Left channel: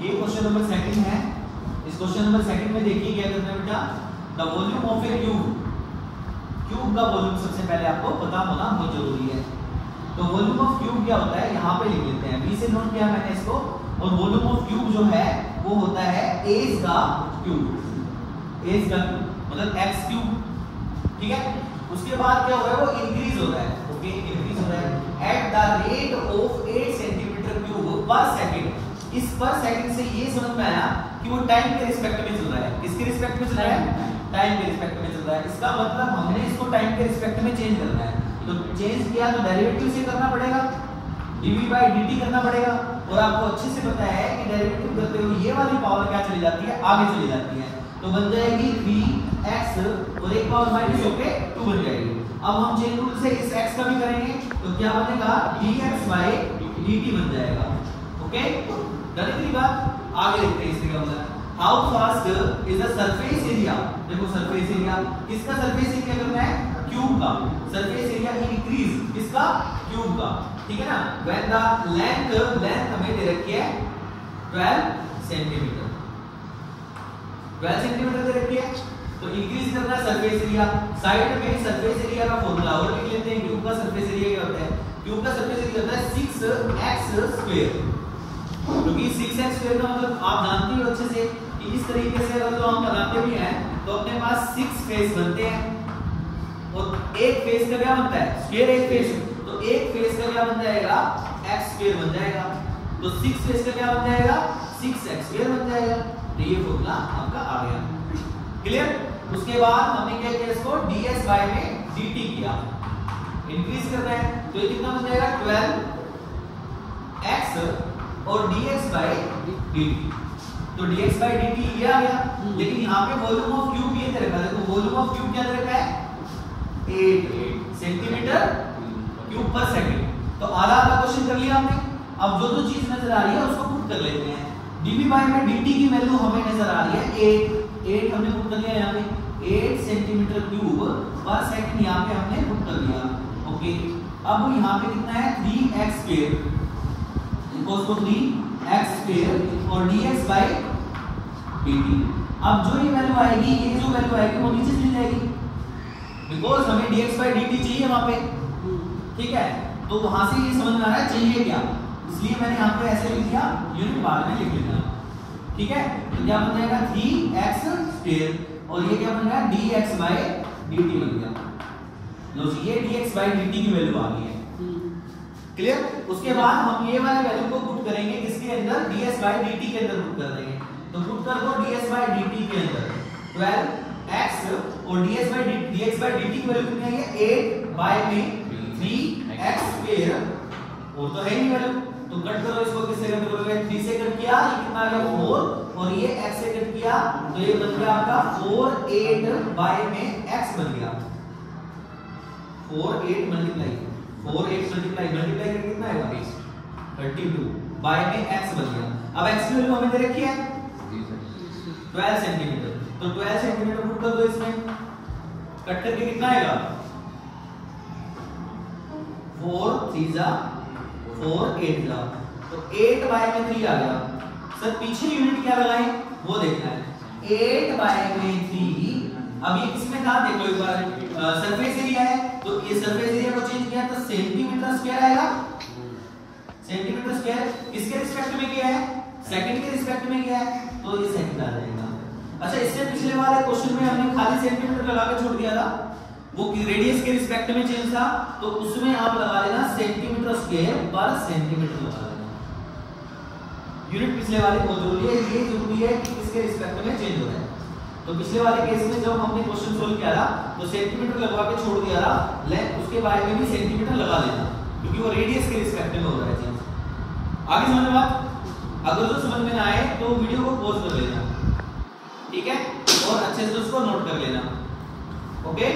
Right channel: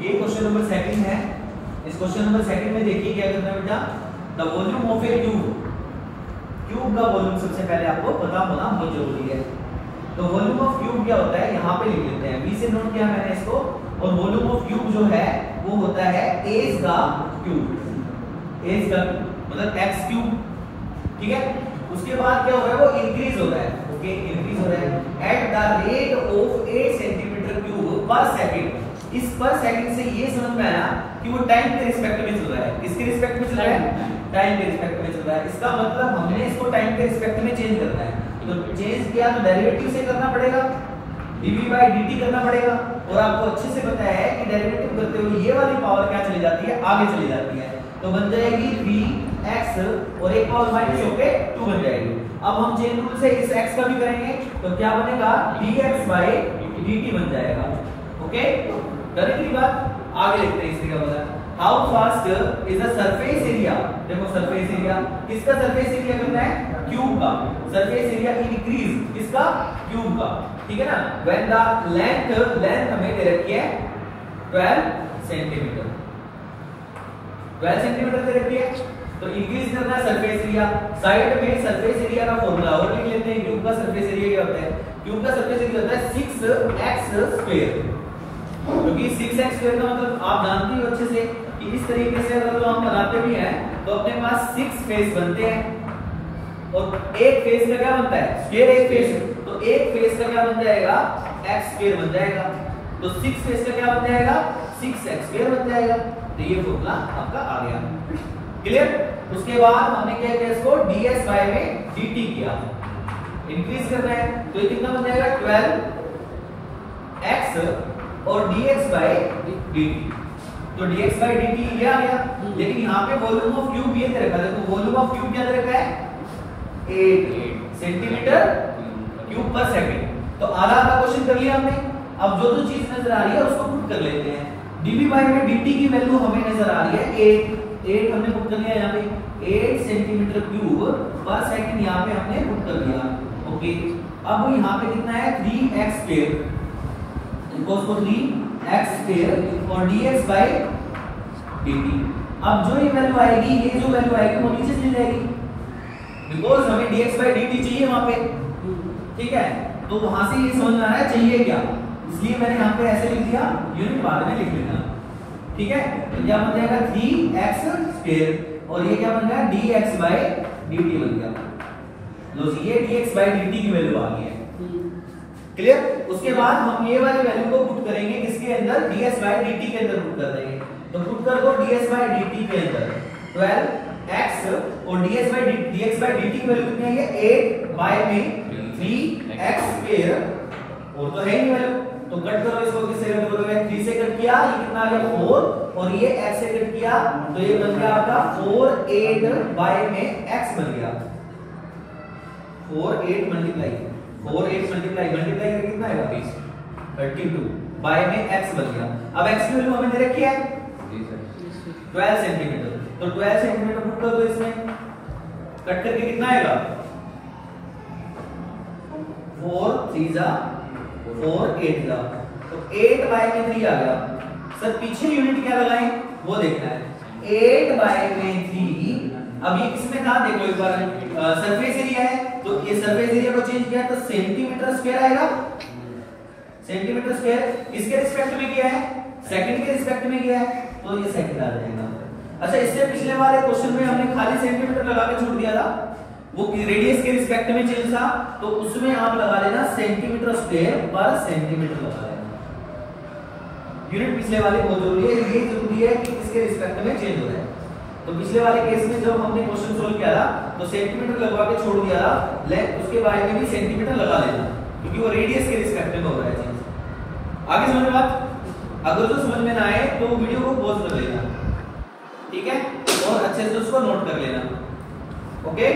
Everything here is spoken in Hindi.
ये क्वेश्चन नंबर सेकंड है। इस क्वेश्चन नंबर सेकंड में देखिए क्या करना है बेटा, the volume of A cube, cube का वॉल्यूम सबसे पहले आपको पता होना बहुत जरूरी है। तो वॉल्यूम ऑफ क्यूब क्या होता है यहाँ पे लिख लेते हैं, बी से नोट किया मैंने इसको। और वॉल्यूम ऑफ क्यूब जो है वो होता है एज का क्यूब, एज का मतलब एक्स क्यूब, ठीक है। उसके बाद क्या हो रहा है, वो इंक्रीज हो रहा है, ओके, इंक्रीज हो रहा है at the rate of 8 centimetre cube पर सेकंड। इस पर सेकंड से ये समझ में आया कि वो टाइम के रिस्पेक्ट में चल रहा है। किसके रिस्पेक्ट में चल रहा है? टाइम के रिस्पेक्ट में चल रहा है। इसका मतलब हमने इसको टाइम के रिस्पेक्ट में चेंज करना है। तो चेंज किया तो डेरिवेटिव से करना पड़ेगा, dv/dt करना पड़ेगा। और आपको अच्छे से पता है कि डेरिवेटिव करते हुए ये वाली पावर क्या चली जाती है, आगे चली जाती है। तो बन जाएगी 3x और एक पावर माइनस होके 2 बन जाएगी। अब हम चेन रूल से इस x का भी करेंगे तो क्या बनेगा, dx/dt बन जाएगा, ओके। डायरेक्टली बात आगे देखते हैं। इससे क्या होगा, how fast is the surface area. देखो सरफेस एरिया, किसका सरफेस एरिया करना है, क्यूब का। सरफेस एरिया इंक्रीज किसका, क्यूब का, ठीक है ना। व्हेन द लेंथ हमें दे रखी है 12 सेंटीमीटर, 12 सेंटीमीटर दे रखी है। तो इंक्रीज करना है सरफेस एरिया। साइड में सरफेस एरिया का फॉर्मूला और लिख लेते हैं। क्यूब का सरफेस एरिया क्या होता है, क्यूब का सरफेस एरिया होता है 6x²। क्योंकि 6x² का मतलब आप जानते हो अच्छे से कि इस तरीके से अगर तो हम बनाते भी हैं तो अपने पास 6 फेस बनते हैं। और एक फेस का क्या बनता है, स्क्वायर एक फेस, तो एक फेस का क्या बन जाएगा, x² बन जाएगा। तो 6 फेस का क्या बन जाएगा, 6x² बन जाएगा। तो ये फॉर्मूला आपका आ गया, क्लियर। उसके बाद हमने क्या किया, इसको ds/dt किया, इंक्रीज कर रहे हैं। तो ये कितना बन जाएगा, 12x और dx/dt। तो dx/dt ये आ गया। लेकिन यहाँ पे वॉल्यूम ऑफ क्यूब ये दे रखा है। देखो वॉल्यूम ऑफ क्यूब क्या दे रखा है, 8 सेंटीमीटर क्यूब पर सेकंड। तो आधा क्वेश्चन कर लिया हमने। अब जो चीज नजर आ रही है उसको पुट कर लेते हैं। dv/dt की वैल्यू हमें नजर आ रही है 8 हमने पुट कर लिया यहाँ पे, 8 सेंटीमीटर क्यूब पर सेकंड यहाँ पे हमने पुट कर दिया, ओके। अब यहाँ पे कितना है, 3x², इक्वल्स टू 3x² और dx/dt। अब जो ये वैल्यू आएगी, ये जो वैल्यू आएगी वो नीचे चली जाएगी, बिकॉज हमें dx/dt चाहिए वहां पे, ठीक है। तो वहां से ये समझ में आ रहा है चाहिए क्या, इसलिए मैंने यहाँ पे ऐसे लिख दिया, यूनिट बाद में लिख लेना, ठीक है। तो क्या बन जाएगा 3x² और ये क्या बन गया, dx/dt बन गया। लो ये dx/dt की वैल्यू आ गई है, क्लियर। उसके बाद हम ये वाले वैल्यू को पुट करेंगे किसके अंदर, ds/dt के अंदर पुट कर देंगे। तो पुट कर दो ds/dt के अंदर 12x और dx/dt की वैल्यू कितनी आई है, 8/3x²। और तो है ही वैल्यू, तो कट करो इसको, किससे कट करोगे, 3 से कट किया, ये कितना आ गया 4 और ये x से कट किया तो ये बन गया आपका 4, 8/x बन गया, 4 8 मल्टीप्लाई करके कितना आएगा, 32 बाय में x बन गया। अब x की वैल्यू हमें दे रखी है 12 सेंटीमीटर, तो 12 सेंटीमीटर पुट कर दो इसमें, कट करके कितना आएगा, 4 3 जा 4 8 जा, तो 8/3 आ गया। सर पीछे यूनिट क्या लगाएं वो देखना है, 8/3। अब ये किसमें था देख लो एक बार, सरफेस एरिया है, तो ये सरफेस एरिया को चेंज किया तो सेंटीमीटर स्क्वायर आएगा, सेंटीमीटर स्क्वायर। इसके रिस्पेक्ट में क्या है, सेकंड के रिस्पेक्ट में क्या है, तो ये सेकंड आ जाएगा। अच्छा, इससे पिछले वाले क्वेश्चन में हमने खाली सेंटीमीटर लगा के छोड़ दिया था, वो रेडियस के रिस्पेक्ट में चेंज था, तो उसमें आप लगा लेना सेंटीमीटर स्क्वायर पर सेंटीमीटर लगा लेना। यूनिट पिछले वाले बहुत जरूरी है, ये जरूरी है कि किसके रिस्पेक्ट में चेंज हो रहा है। तो पिछले वाले केस में जब हमने क्वेश्चन सोल्व किया था तो सेंटीमीटर लगवा के छोड़ दिया था, उसके बारे में भी सेंटीमीटर लगा लेना, क्योंकि वो रेडियस के रिस्पेक्ट में हो रहा है चेंज। आगे समझ में बात, अगर तो समझ में ना आए तो वीडियो को पॉज कर लेना, ठीक है, और अच्छे से उसको नोट कर लेना, ओके।